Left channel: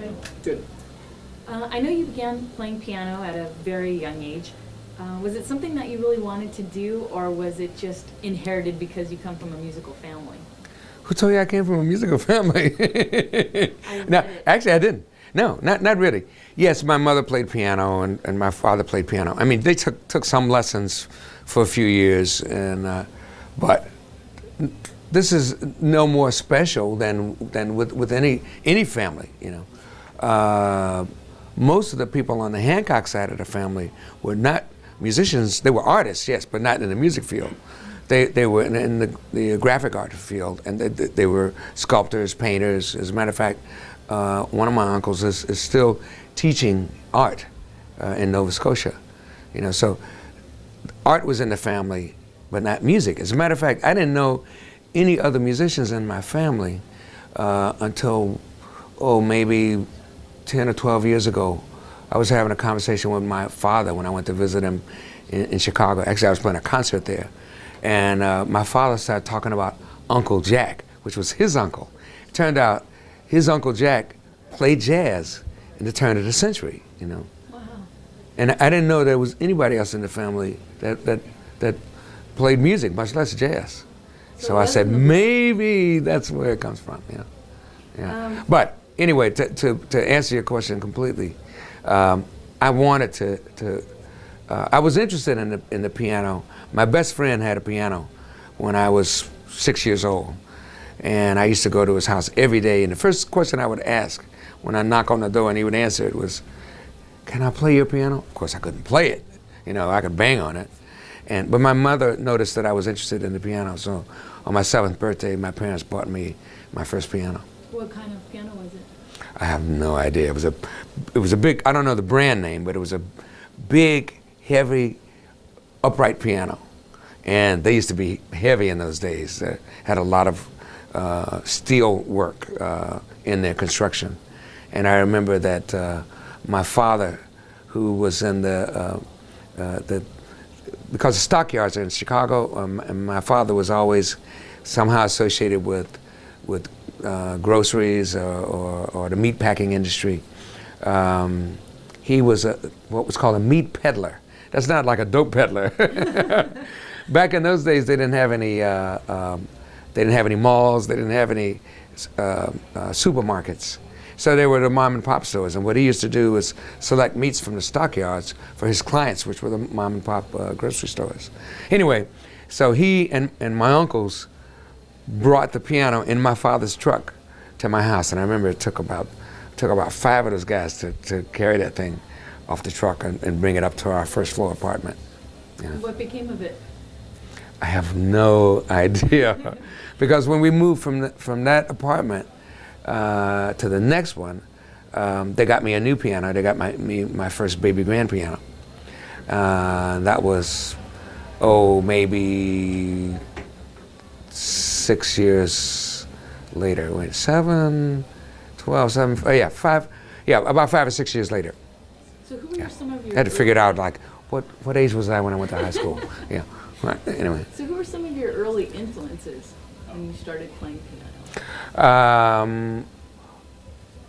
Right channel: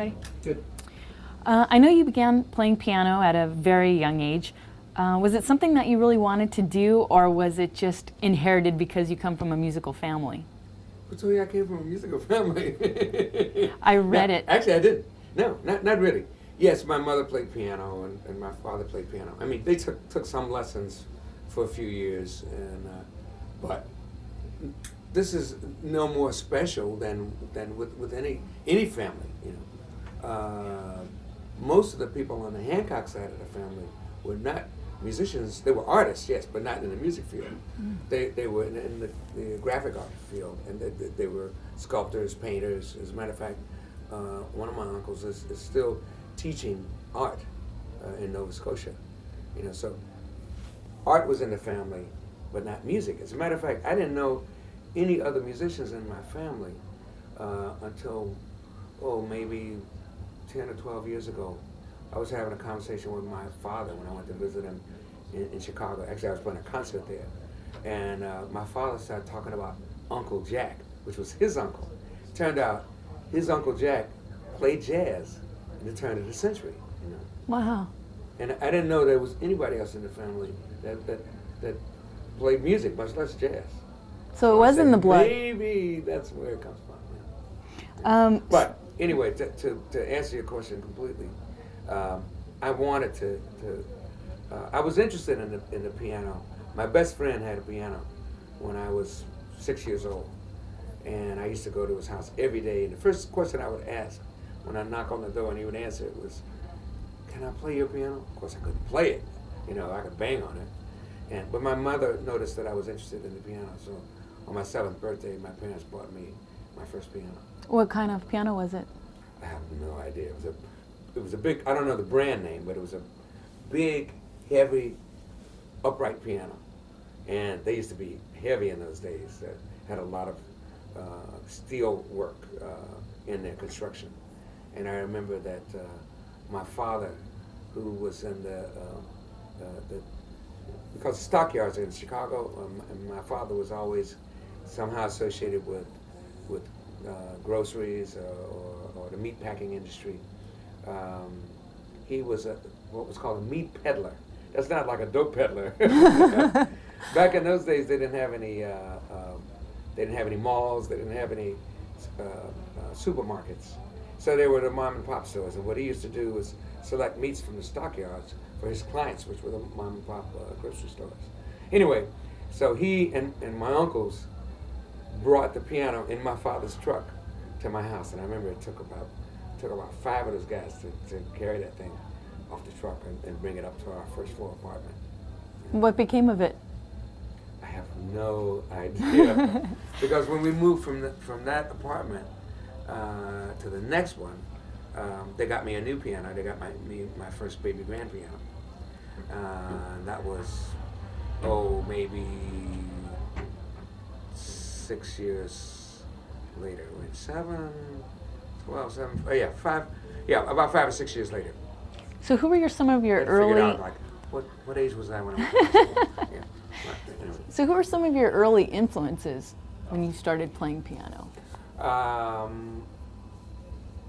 Ready? Good. I know you began playing piano at a very young age. Was it something that you really wanted to do, or was it just inherited because you come from a musical family? Who told you I came from a musical family? I read it. Actually, I didn't. No, not really. Yes, my mother played piano and my father played piano. I mean, they took some lessons for a few years, and but this is no more special than with any family, you know. Most of the people on the Hancock side of the family were not musicians. They were artists, yes, but not in the music field. They were in the graphic art field, and they were sculptors, painters. As a matter of fact, one of my uncles is still teaching art in Nova Scotia. You know, so art was in the family, but not music. As a matter of fact, I didn't know any other musicians in my family until, maybe 10 or 12 years ago. I was having a conversation with my father when I went to visit him in Chicago. Actually, I was playing a concert there. And my father started talking about Uncle Jack, which was his uncle. It turned out his Uncle Jack played jazz in the turn of the century, you know. Wow. And I didn't know there was anybody else in the family that played music, much less jazz. So I said, maybe that's where it comes from, yeah. Yeah. But anyway, to answer your question completely, I wanted to I was interested in the piano. My best friend had a piano when I was 6 years old, and I used to go to his house every day. And the first question I would ask when I knock on the door and he would answer it was, "Can I play your piano?" Of course, I couldn't play it. You know, I could bang on it. But my mother noticed that I was interested in the piano, so on my 7th birthday, my parents bought me my first piano. What kind of piano was it? I have no idea. It was a big, I don't know the brand name, but it was a big, heavy, upright piano. And they used to be heavy in those days. They had a lot of steel work in their construction. And I remember that my father, who was in because the stockyards are in Chicago, and my father was always somehow associated with groceries or the meat packing industry. He was what was called a meat peddler. That's not like a dope peddler. Back in those days, they didn't have any malls. They didn't have any supermarkets. So they were the mom and pop stores. And what he used to do was select meats from the stockyards for his clients, which were the mom and pop grocery stores. Anyway, so he and my uncles brought the piano in my father's truck to my house. And I remember it took about 5 of those guys to carry that thing off the truck and bring it up to our first floor apartment. Yeah. What became of it? I have no idea. Because when we moved from that apartment to the next one, they got me a new piano. They got my first baby grand piano. That was, maybe 6 years later. Wait, 7, 12, 7, about 5 or 6 years later. So who were some of your I had to figure it out, like, what age was I when I went to high school? Yeah. Anyway. So who were some of your early influences when you started playing piano?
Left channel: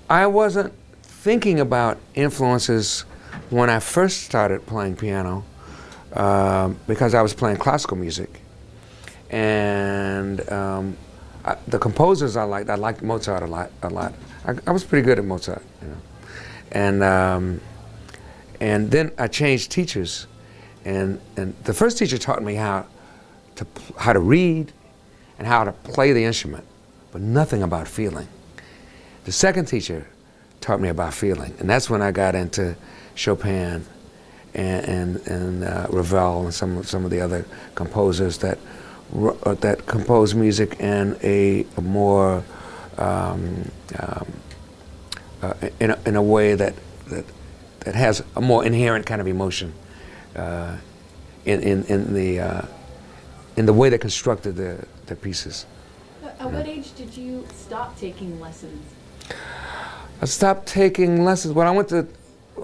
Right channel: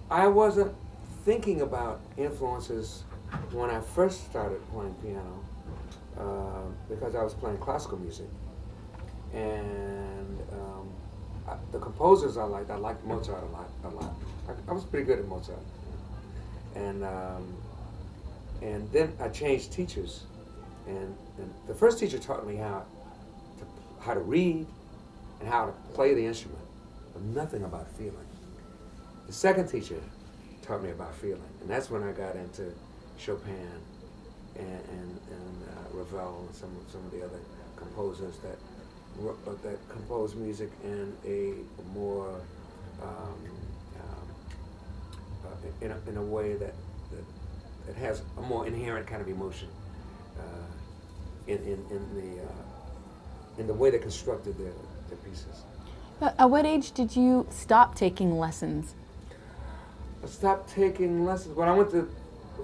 I wasn't thinking about influences when I first started playing piano because I was playing classical music. And the composers I liked Mozart a lot. I was pretty good at Mozart, you know. And then I changed teachers. And the first teacher taught me how to read and how to play the instrument, but nothing about feeling. The second teacher taught me about feeling, and that's when I got into Chopin and Ravel and some of the other composers that compose music in a more in a way that has a more inherent kind of emotion. In the way they constructed the pieces. At what age did you stop taking lessons? I stopped taking lessons. Well, I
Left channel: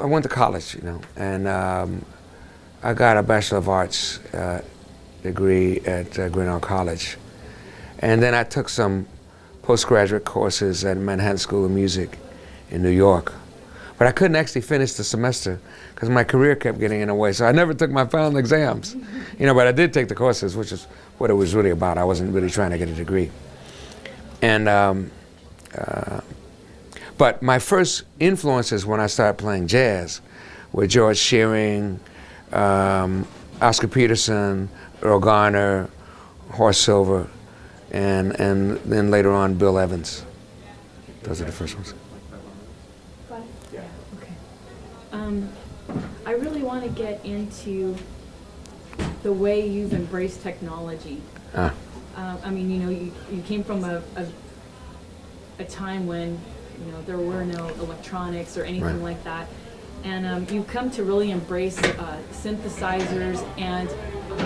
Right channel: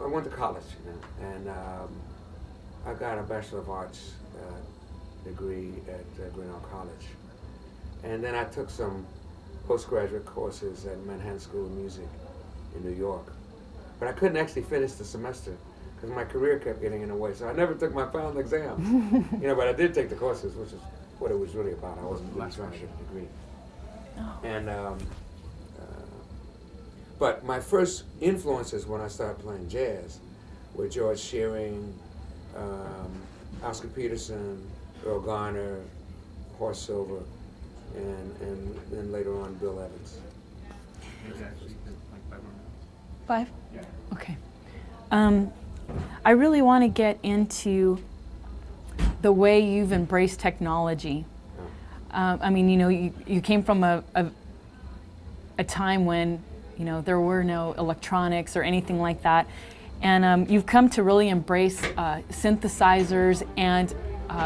went to college, you know, and I got a Bachelor of Arts degree at Grinnell College, and then I took some postgraduate courses at Manhattan School of Music in New York. But I couldn't actually finish the semester because my career kept getting in the way. So I never took my final exams. But I did take the courses, which is what it was really about. I wasn't really trying to get a degree. And but my first influences when I started playing jazz were George Shearing, Oscar Peterson, Earl Garner, Horace Silver, and then later on Bill Evans. Those are the first ones. 5? Yeah. Okay. I really want to get into the way you've embraced technology. I mean, you came from a time when, there were no electronics or anything like that. And you've come to really embrace synthesizers. And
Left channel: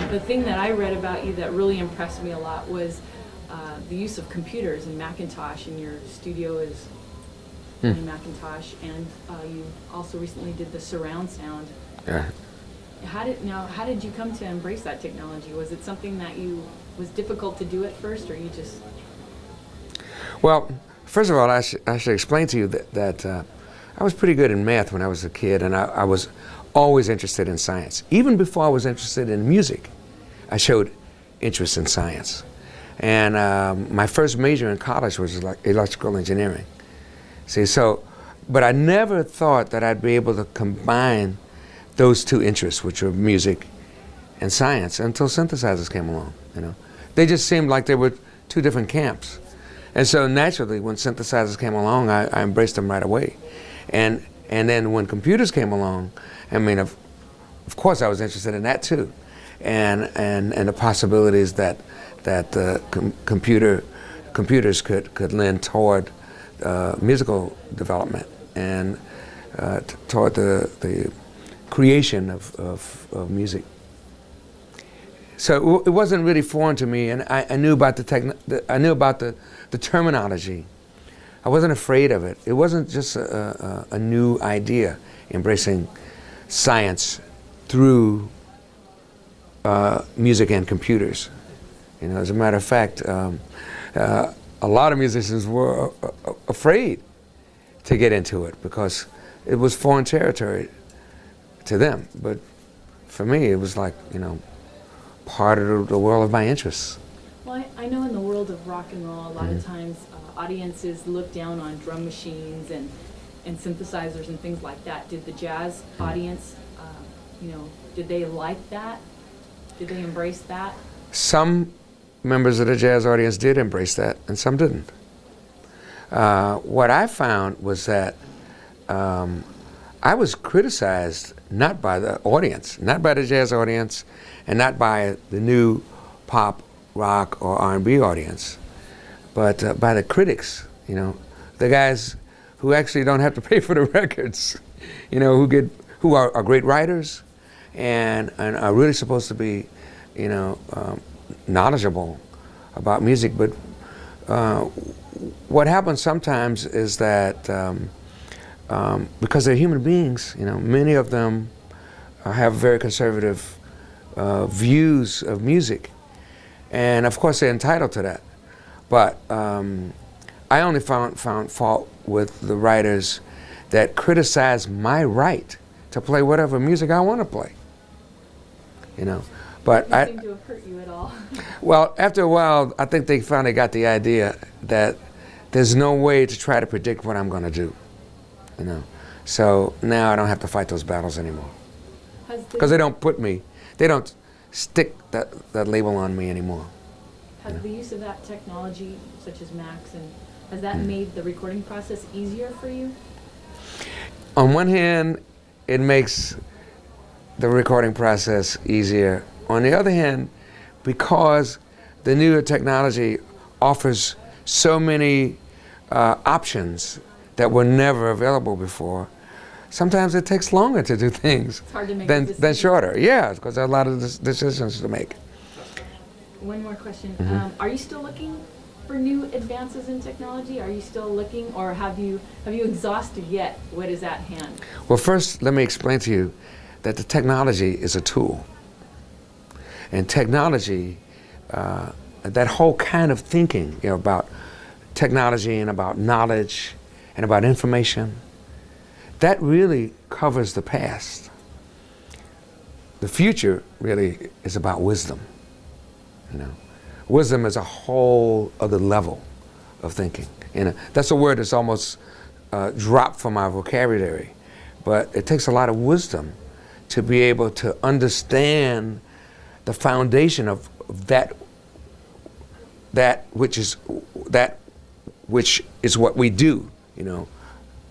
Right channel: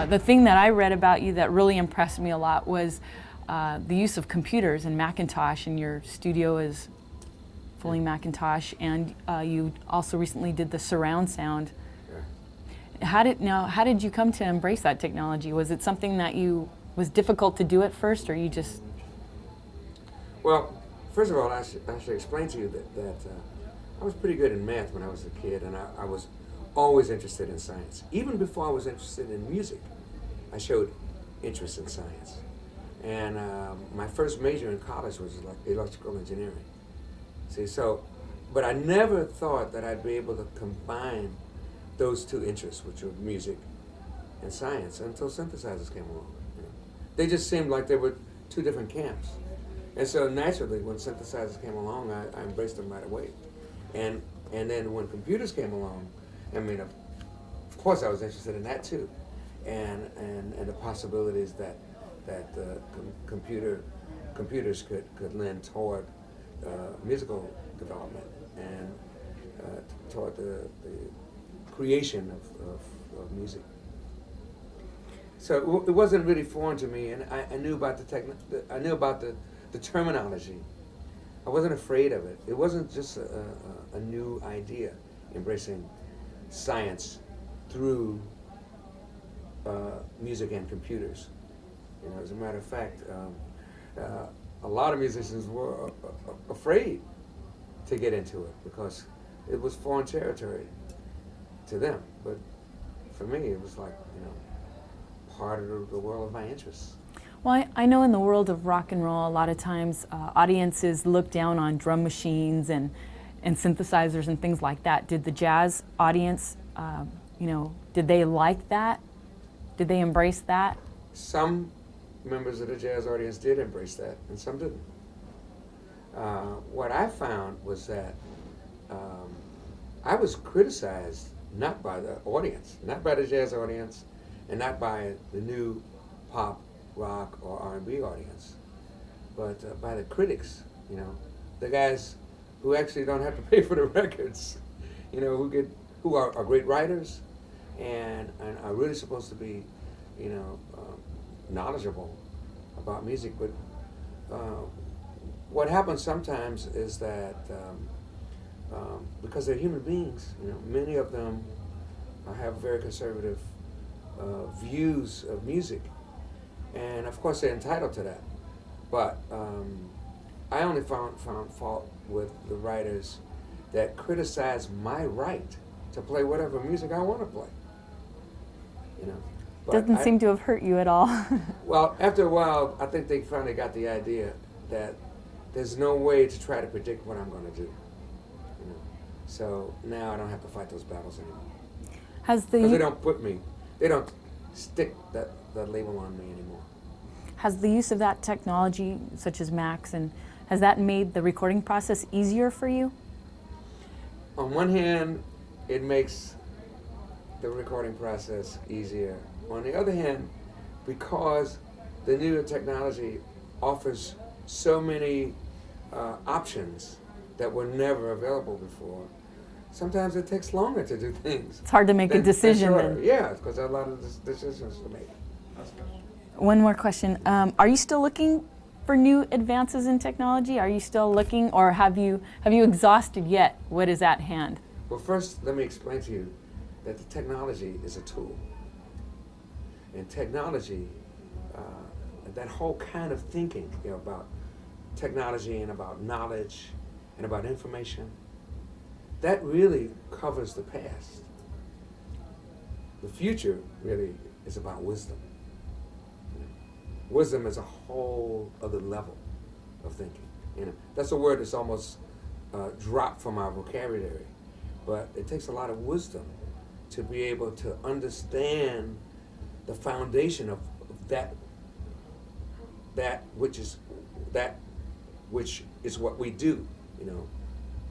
the thing that I read about you that really impressed me a lot was the use of computers and Macintosh, and your studio is fully Macintosh. And you also recently did the surround sound. Yeah. How did you come to embrace that technology? Was it something that was difficult to do at first, or you just? Well, first of all, I should explain to you that I was pretty good in math when I was a kid, and I was always interested in science. Even before I was interested in music, I showed interest in science. And my first major in college was electrical engineering. See, but I never thought that I'd be able to combine those two interests, which were music and science, until synthesizers came along. They just seemed like they were two different camps. And so naturally, when synthesizers came along, I embraced them right away. And then when computers came along, I mean, of course I was interested in that too. And the possibilities that computers could lend toward musical development and toward the creation of music. So it wasn't really foreign to me, and I knew about the terminology. I wasn't afraid of it. It wasn't just a new idea, embracing science through music and computers. As a matter of fact, a lot of musicians were afraid to get into it because it was foreign territory to them. But for me, it was like, part of the world of my interests. Well, I know in the world of rock and roll, a lot of times audiences look down on drum machines and synthesizers and things like that. Did the jazz audience, did they like that? Did they embrace that? Some members of the jazz audience did embrace that, and some didn't. What I found was that I was criticized not by the audience, not by the jazz audience, and not by the new pop, rock, or R&B audience, but by the critics, the guys who actually don't have to pay for the records, who are great writers and are really supposed to be, knowledgeable about music. But what happens sometimes is that because they're human beings, many of them have very conservative views of music. And of course, they're entitled to that. But I only found fault with the writers that criticize my right to play whatever music I want to play. But Didn't seem to have hurt you at all. Well, after a while, I think they finally got the idea that there's no way to try to predict what I'm going to do. So now I don't have to fight those battles anymore. Because they don't stick that label on me anymore. Has the use of that technology, such as Macs, has that made the recording process easier for you? On one hand, it makes the recording process easier. On the other hand, because the newer technology offers so many options that were never available before, sometimes it takes longer to do things. It's hard to make a decision. Than shorter, yeah, because there are a lot of decisions to make. One more question. Are you still looking for new advances in technology? Are you still looking, or have you exhausted yet what is at hand? Well, first, let me explain to you that the technology is a tool. And technology, that whole kind of thinking about technology and about knowledge and about information, that really covers the past. The future really is about wisdom. You know, wisdom is a whole other level of thinking. You know, that's a word that's almost dropped from our vocabulary, but it takes a lot of wisdom to be able to understand the foundation of that which is what we do. You know,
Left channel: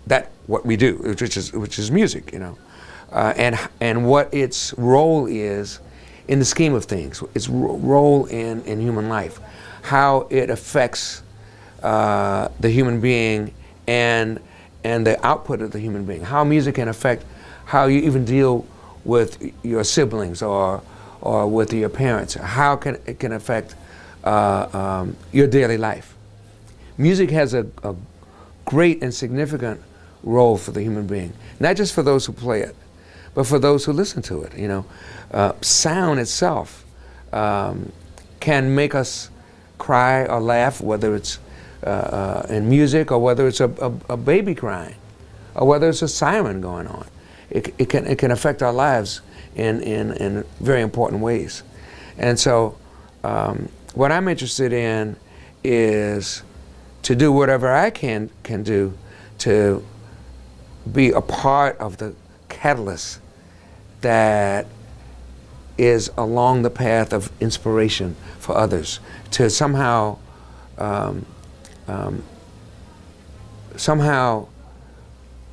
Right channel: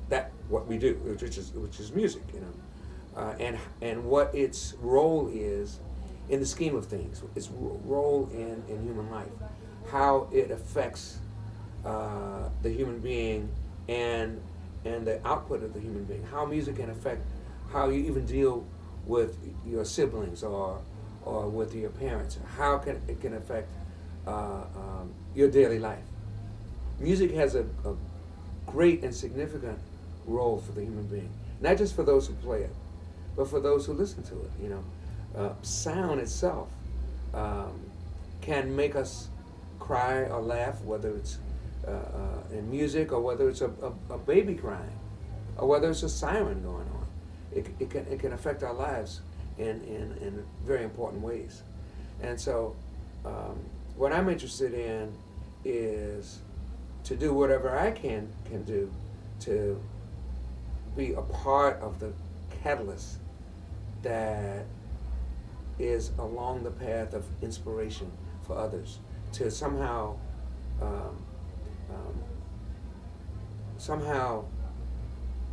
that what we do, which is music. You know, and what its role is in the scheme of things, its role in human life, how it affects the human being and the output of the human being, how music can affect how you even deal with your siblings or with your parents, how it can affect your daily life. Music has a great and significant role for the human being, not just for those who play it, but for those who listen to it. You know, sound itself can make us cry or laugh, whether it's in music or whether it's a baby crying or whether it's a siren going on. It can affect our lives in very important ways. And so what I'm interested in is to do whatever I can do to be a part of the catalyst that is along the path of inspiration for others, to somehow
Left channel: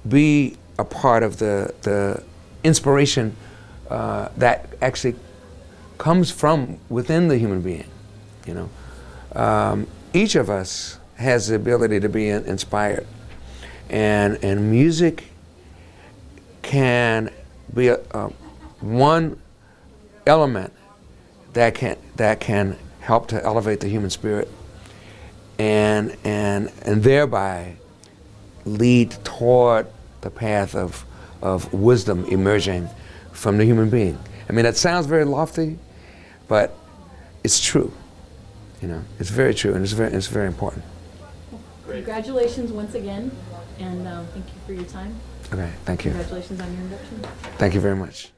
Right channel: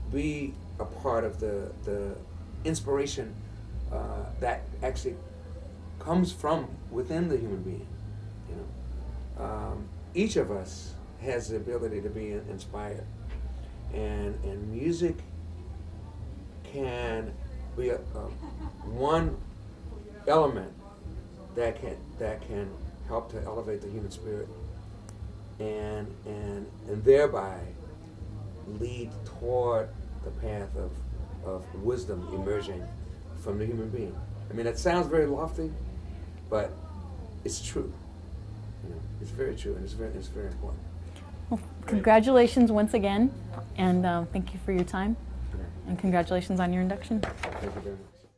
be a part of the inspiration that actually comes from within the human being. You know, each of us has the ability to be inspired, and music can be one element that can help to elevate the human spirit and thereby lead toward the path of wisdom emerging from the human being. I mean, that sounds very lofty, but it's true. You know, it's very true, and it's very important. Well, congratulations once again, and thank you for your time. Okay, thank you. Congratulations on your induction. Thank you very much.